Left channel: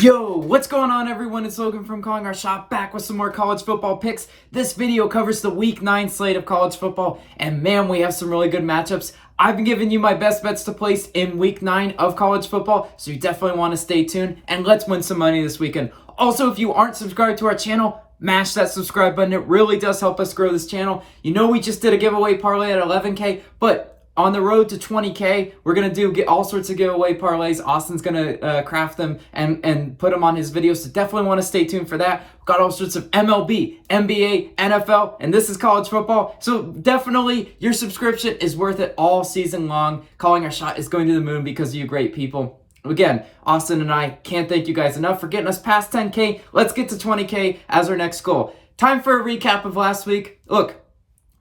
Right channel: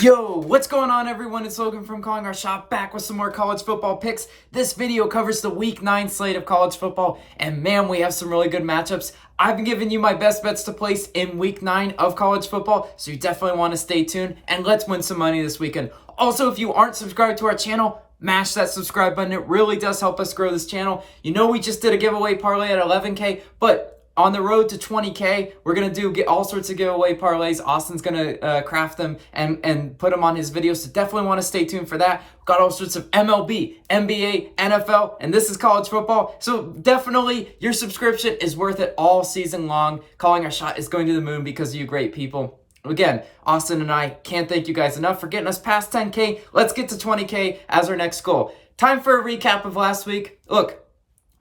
Yo, what's going on everyone? It's Logan from Calling Our Shop, back with some more college football picks. This video covers the Week 9 slate of college football, and man, we have some really good matchups. I've been giving you my best bets to place in Week 9 of college football, so you definitely want to stay tuned, and let's win some money this weekend. Also, if you aren't subscribed to our channel, mash that subscribe button. It really does help us grow this channel. You know we just did a giveaway parlay at 11K, but on the road to 20K, we're going to get all sorts of giveaway parlays. Austin's going to craft them and put them on his videos, so definitely want to stay tuned for that. We've got all sorts of MLB, NBA, NFL, and this is college football. So definitely your subscription is worth it all season long. Calling Our Shot is going to the moon because of you great people. Again, Austin and I can't thank you guys enough for getting us past 10K. Let's get to 20K as our next goal. Time for a recap of last week. Look,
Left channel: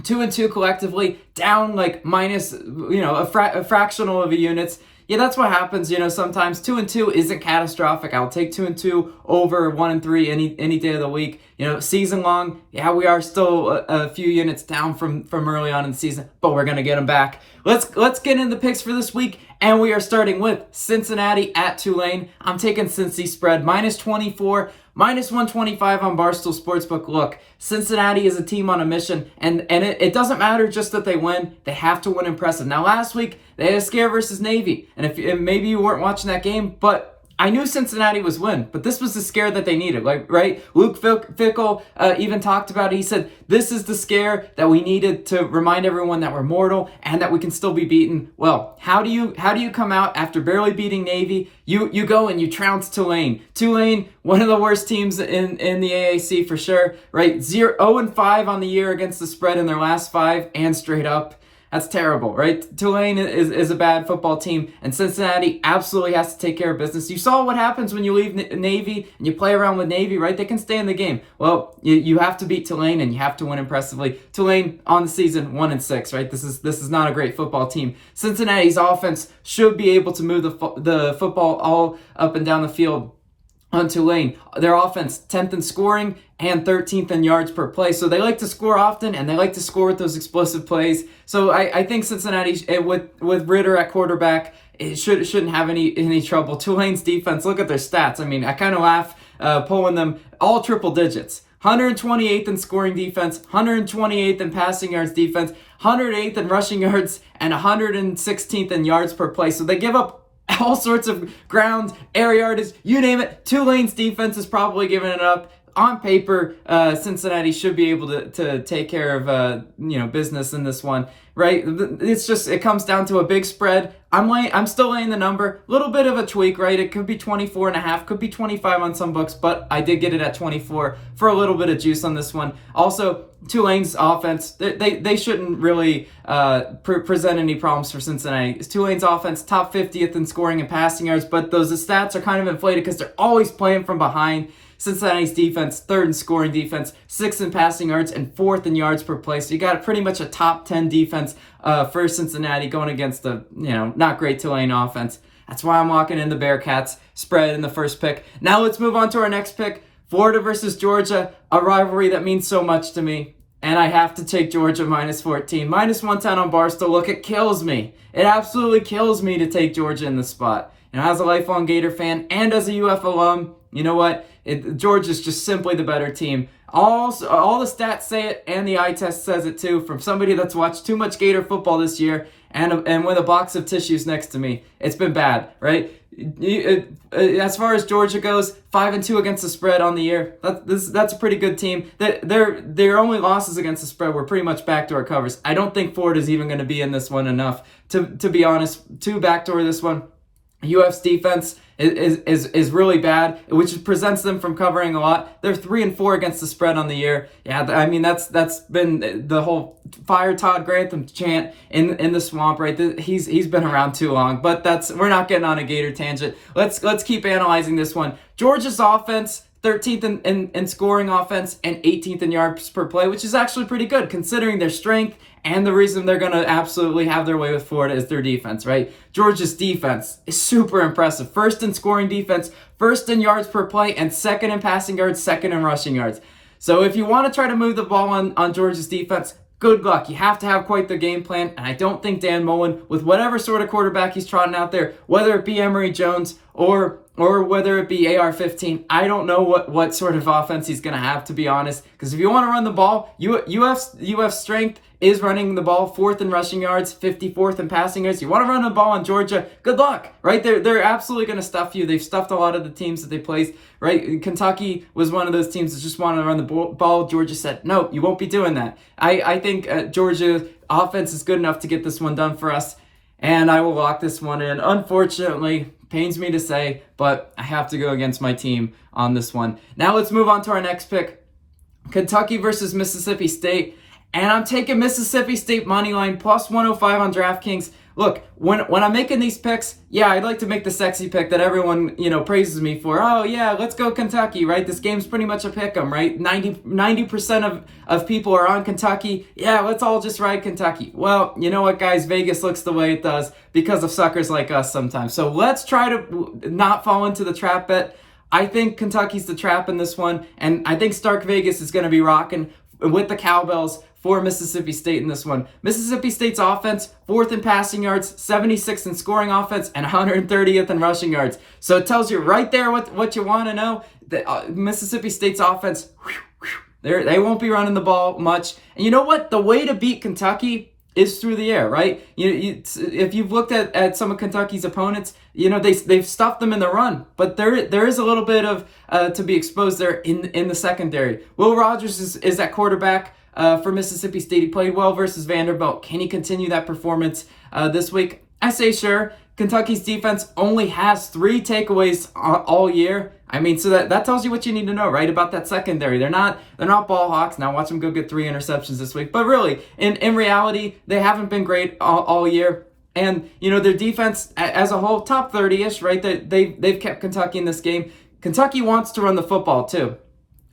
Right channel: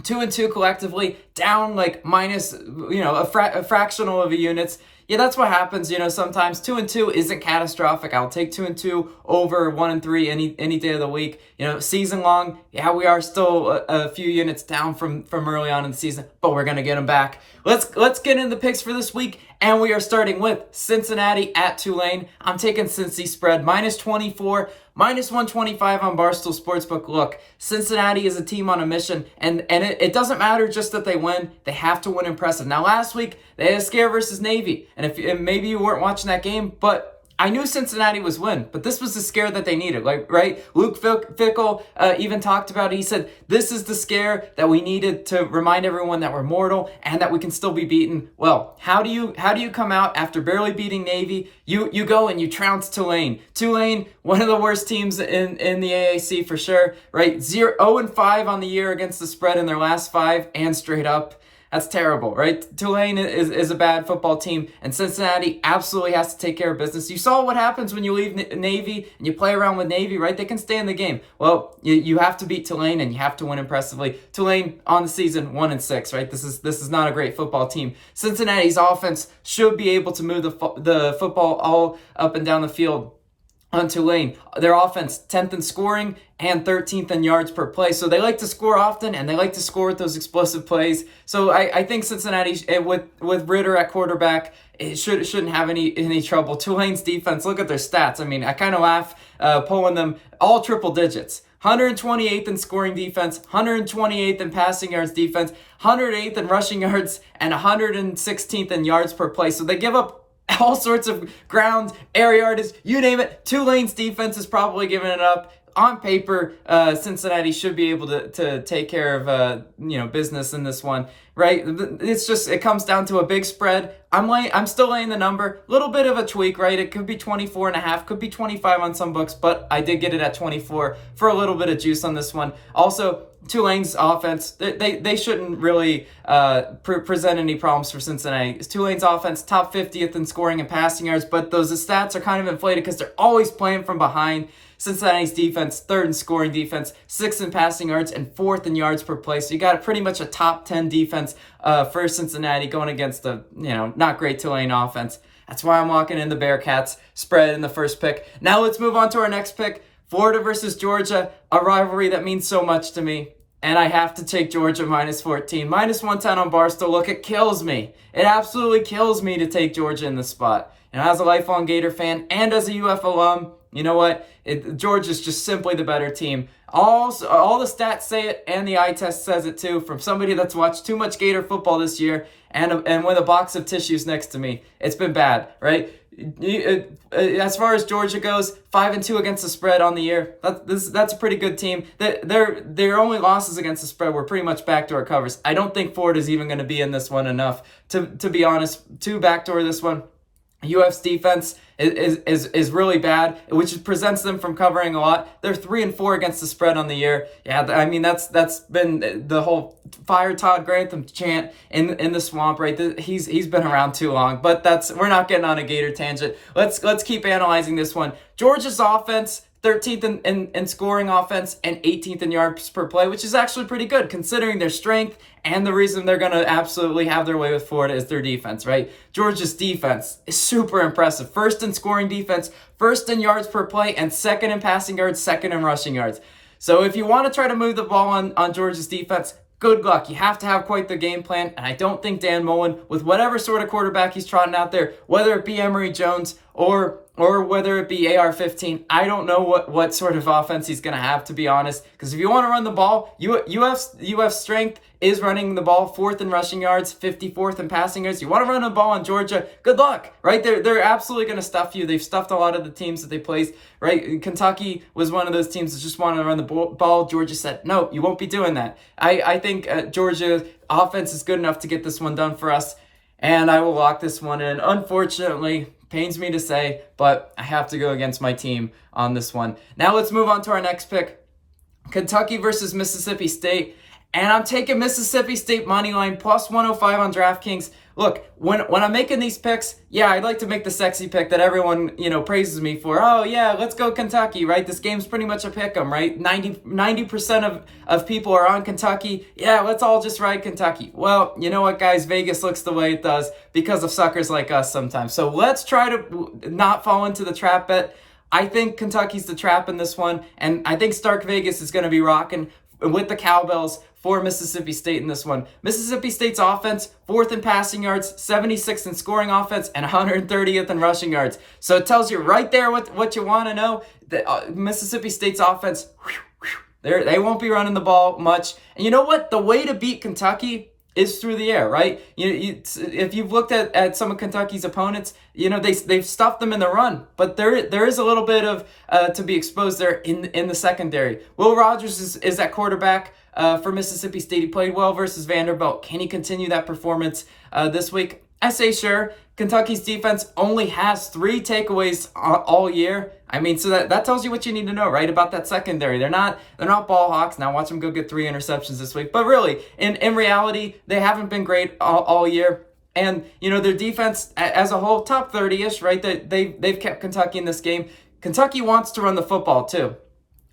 2-2 collectively, down like minus, a fractional of a units. Yeah, that's what happens, sometimes 2-2 isn't catastrophic. I'll take 2-2 over 1-3 any day of the week. Season long, yeah, we are still a few units down from early on in the season, but we're going to get them back. Let's get into the picks for this week, and we are starting with Cincinnati at Tulane. I'm taking Cincy spread, minus 24, minus 125 on Barstool Sportsbook. Look, Cincinnati is a team on a mission, and it doesn't matter just that they win. They have to win impressive. Now, last week, they had a scare versus Navy, and maybe you weren't watching that game, but I knew Cincinnati was win, but this was the scare that they needed, right? Luke Fickell even talked about it. He said, this is the scare that we needed to remind everyone that we're mortal and that we can still be beaten. Well, how do you come out after barely beating Navy? You go and you trounce Tulane. Tulane, one of the worst teams in the AAC for sure, right? 0-5 on the year against the spread in their last 5 and straight up. That's terrible, right? Tulane is a bad football team, and Cincinnati absolutely has to take care of business. You saw what happens when you leave Navy and you play around with Navy, right? They can stay in the game. Well, you have to beat Tulane, and you have to win impressively. Tulane on the season 1-6, right? This is not a great football team. Cincinnati's offense should be able to move the football all up and down the field on Tulane. Their offense, 10th in scoring and 13th in yards per play. So they like to score often, and they like to score with those explosive plays. So I think Cincinnati, with Ritter at quarterback, it shouldn't have any trouble. Tulane's defense, look at their stats. I mean, I kind of laugh pulling them all triple digits. 128th in scoring defense, 128th in passing yards defense, 108th in rushing yards, and 116th in yards per play. So they give up all sorts of ground, air yardage, you name it. Tulane's defense is probably giving it up. On paper, Cincinnati should be able to take care of business in this one, right? It comes down to a big spread. I'm still laying the number. A little bit of a tweak, right? It could be 24.5, could be 25 on some books, but I did get it at 24 for a little bit of juice on this one. Also, Tulane's offense, they shouldn't really present any problems for Cincinnati. Tulane's offense, top 50th in scoring and passing yards, but those stats are kind of inflated because they're always playing from behind. Cincinnati's defense, 3rd in scoring defense, 6th in passing yards, and 4th in yards per play. So you got pretty much a top 10 defense for Cincinnati going against the not great Tulane offense. That's why I'm walking in the Bearcats spread in the first pick. Now let's move on to our next pick. Florida versus Georgia, a rivalry that means so much to me. And I have to take Georgia minus 14. Minus 110 on Barstool. Look, it kills me. It absolutely kills me to take Georgia in this spot. As a lifelong Gator fan and as a UF alum, you know what? Georgia's just simply the better team. All the stats say it, and the eye test says it too, from somebody that's watched too much Gator football this year and with a box of tissues next to me. It's been bad, right? As far as Georgia goes, 5-2 against the spread on the year. That's a pretty good team. Their only losses against the spread were pretty much backdoor covers. I don't think Florida's even going to be in this one enough to be honest to backdoor this one. UF's defense is really bad, which presents them from covering a lot. They're 3-4 against the spread on the year. Yeah, I mean that's been the whole fire Todd Grantham chant in the swamp, right? He's been around too long, but we're not getting on a Gator tangent. Let's keep analyzing this one. Georgia's offense, 13th in scoring offense and 18th in yards per play, which is actually pretty good considering their strength and the reason they're going to absolutely have their way with Florida is their defense, right? Georgia's defense is super impressive. 1st in scoring defense, 1st in yards per play, and 2nd in passing yards, 2nd in rushing yards. So if you want to try to move the ball on Georgia's defense, good luck. You have to have quite the game plan, and I don't think Dan Mullen, with whatever sort of quarterback he's trotting out there, whether it be Emory Jones or whether it be AR-15. I don't know what sort of offense he's going to have, to be honest, because if you want to run the ball, UF strength is running the ball, 4th in rushing yards, 54th in passing yards. You want to run the ball on Georgia, good luck, right? They're absolutely going to stuff you. They've stuffed a lot of the teams that they placed, right? Kentucky was one of those teams that just wanted to run the ball. Georgia said, no, you won't be doing that. I think Georgia's offense is good enough to get this one done for us, and I will lock this one in. Unfortunately, pains me to say, but I have to go against my team on this one. Now let's move on to our next pick. Kentucky versus Mississippi State. And I'm taking Mississippi State money line plus 105 on DraftKings. Look, when I'm making these picks, yeah, I'd like to make the sexy pick that everyone, praises me for. Oh, yeah, let's go Kentucky, right? This game's pretty much a pick 'em, right? 90% of people are on Kentucky. Yeah, let's all just ride Kentucky. Well, you know what, guys? Vegas looks the way it does because of suckers like us sometimes. So let's try to not fall into the trap bet. I think Kentucky's the trap in this one, and I think Stark Vegas is going to be rocking with the cowbells for Mississippi State in this one. Mississippi State's offense, 4th in passing yards, 76th in scoring offense, and 130th in rushing yards. So it tells you right there what you want to know. The, Mississippi State's offense, they won't be running the ball much. And you know what? The way to beat Kentucky is through the air, right? If you've looked at some of Kentucky's opponents, they've stuffed them in the run, but there is a little bit of to be exposed there in the secondary. Will Rogers is at quarterback for Mississippi State. He played well versus Vanderbilt. Can he continue that performance this week? I say sure. Kentucky's defense only has 3 takeaways all year. I mean, so that tells you what you need to know, right, about that secondary. They're not ball hawks. Now watch them go get 3 interceptions this week. But really, in reality, they haven't been great all year. And, their defense as a whole, top 30-ish, right? They've kept Kentucky in this game. Kentucky wants to run the football, too,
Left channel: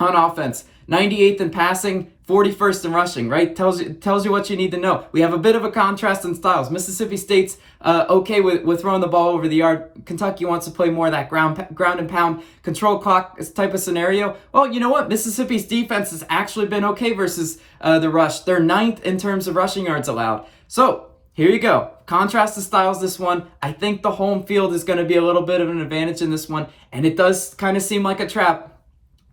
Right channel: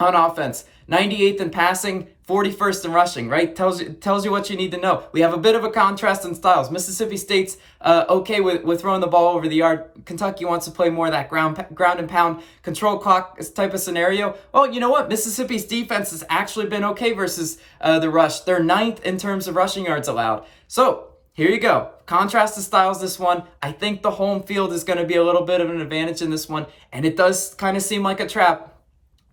on offense. 98th in passing, 41st in rushing, right? Tells you what you need to know. We have a bit of a contrast in styles. Mississippi State's okay with throwing the ball over the yard. Kentucky wants to play more of that ground and pound, control clock type of scenario. Well, you know what? Mississippi's defense has actually been okay versus the rush. They're 9th in terms of rushing yards allowed. So here you go. Contrast the styles this one. I think the home field is going to be a little bit of an advantage in this one, and it does kind of seem like a trap.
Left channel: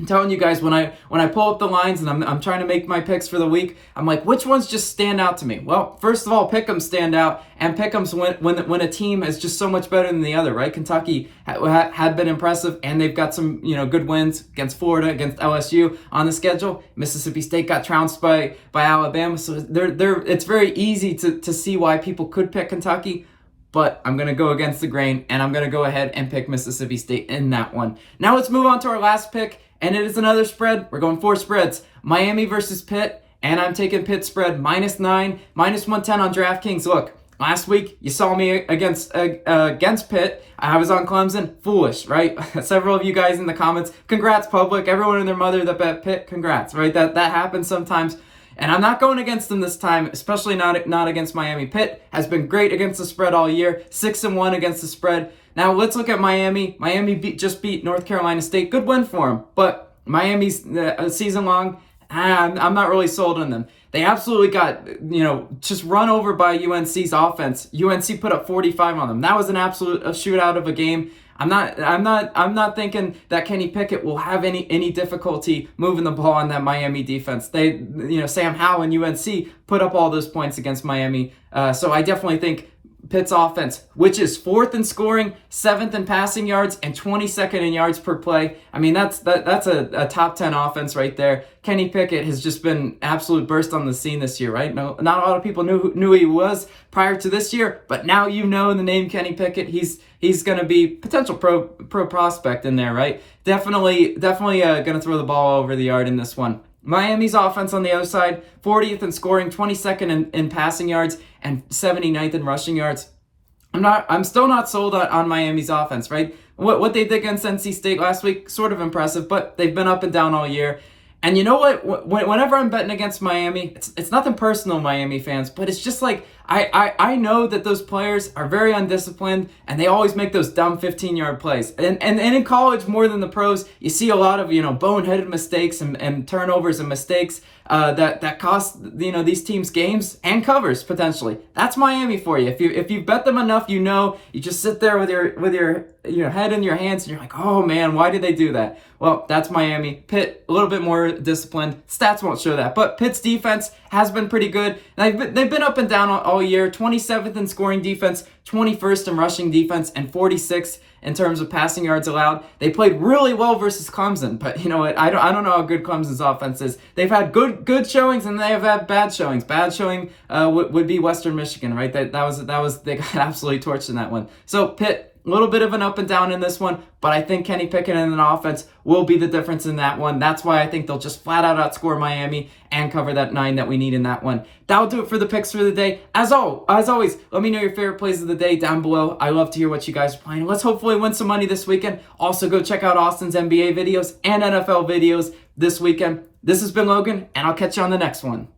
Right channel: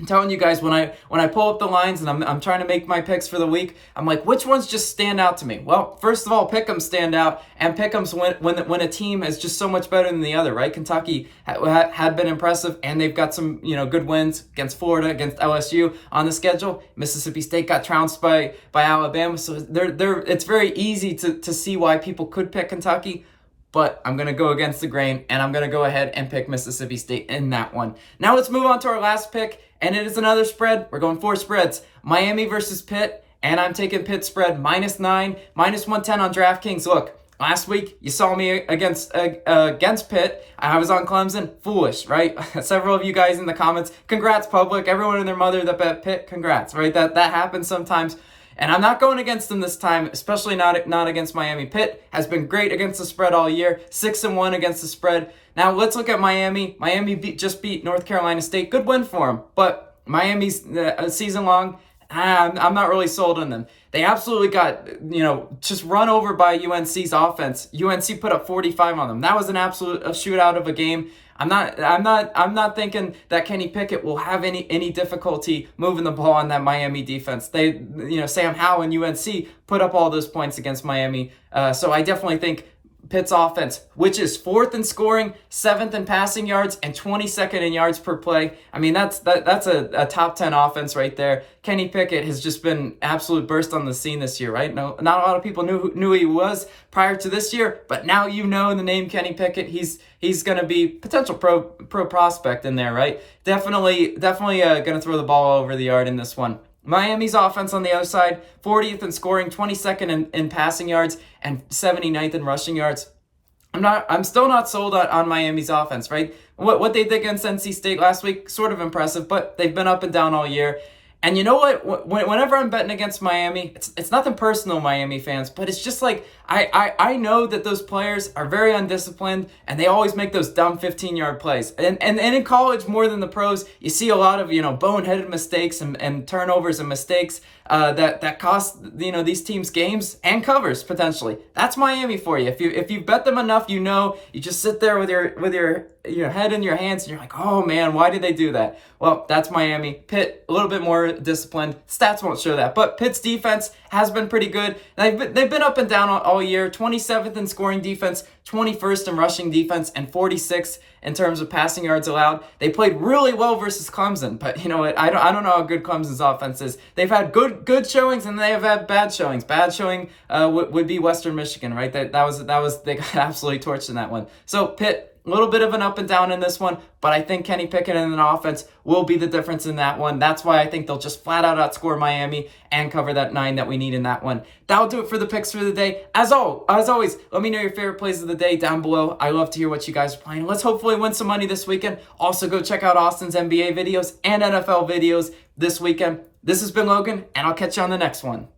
I'm telling you guys, when I pull up the lines and I'm trying to make my picks for the week, I'm like, which ones just stand out to me? Well, first of all, pick'ems stand out, and pick'ems when a team is just so much better than the other, right? Kentucky had been impressive, and they've got some good wins against Florida, against LSU on the schedule. Mississippi State got trounced by Alabama, so it's very easy to see why people could pick Kentucky. But I'm going to go against the grain, and I'm going to go ahead and pick Mississippi State in that one. Now let's move on to our last pick, and it is another spread. We're going 4 spreads. Miami versus Pitt, and I'm taking Pitt spread -9, -110 on DraftKings. Look, last week you saw me against Pitt. I was on Clemson. Foolish, right? Several of you guys in the comments, congrats, public. Everyone and their mother that bet Pitt, congrats, right? That happens sometimes. And I'm not going against them this time, especially not against Miami. Pitt has been great against the spread all year, 6-1 against the spread. Now let's look at Miami. Miami just beat North Carolina State. Good win for them, but Miami's season long, I'm not really sold on them. They absolutely got just run over by UNC's offense. UNC put up 45 on them. That was an absolute shootout of a game. I'm not thinking that Kenny Pickett will have any difficulty moving the ball on that Miami defense. They, Sam Howell and UNC put up all those points against Miami. So I definitely think Pitt's offense, which is 4th in scoring, 7th in passing yards, and 22nd in yards per play. I mean, that's a top 10 offense right there. Kenny Pickett has just been absolute burst on the scene this year, right? No, not a lot of people knew who he was prior to this year, but now you know the name Kenny Pickett. He's going to be potential pro prospect in there, right? Definitely going to throw the ball over the yard in this one. Miami's offense on the other side, 40th in scoring, 22nd in passing yards, and 79th in rushing yards. I'm still not sold on Miami's offense, right? What they did against NC State last week, sort of impressive, but they've been up and down all year. And you know what? Whenever I'm betting against Miami, it's nothing personal, Miami fans, but it's just like I know that those players are very undisciplined and they always make those dumb 15-yard plays. And in college, more than the pros, you see a lot of, boneheaded mistakes and turnovers and mistakes that cost, these teams games and covers potentially. That's Miami for you. If you bet them enough, you just sit there with your head in your hands and you're like, oh man, why did they do that? Well, that's Miami. Pitt, a little bit more disciplined. Stats won't show that. But Pitt's defense has been pretty good. They've been up and down all year. 27th in scoring defense, 21st in rushing defense, and 46th in terms of passing yards allowed. They played really well versus Clemson, but you know what? I don't know how good Clemson's offense is. They've had good showings and they have had bad showings. Bad showing would be Western Michigan, right? That was they got absolutely torched in that one. So Pitt, a little bit of an up and down in this one, but I think Kenny Pickett in an offense will be the difference in that one. That's why I think they'll just flat out outscore Miami and cover that 9 that we need in that one. That'll do it for the picks for the day. As always, let me know your favorite plays of the day down below. I love to hear what you guys are playing. Let's hopefully win some money this weekend. Also, go check out Austin's NBA videos and NFL videos this weekend. This has been Logan, and I'll catch you on the next one.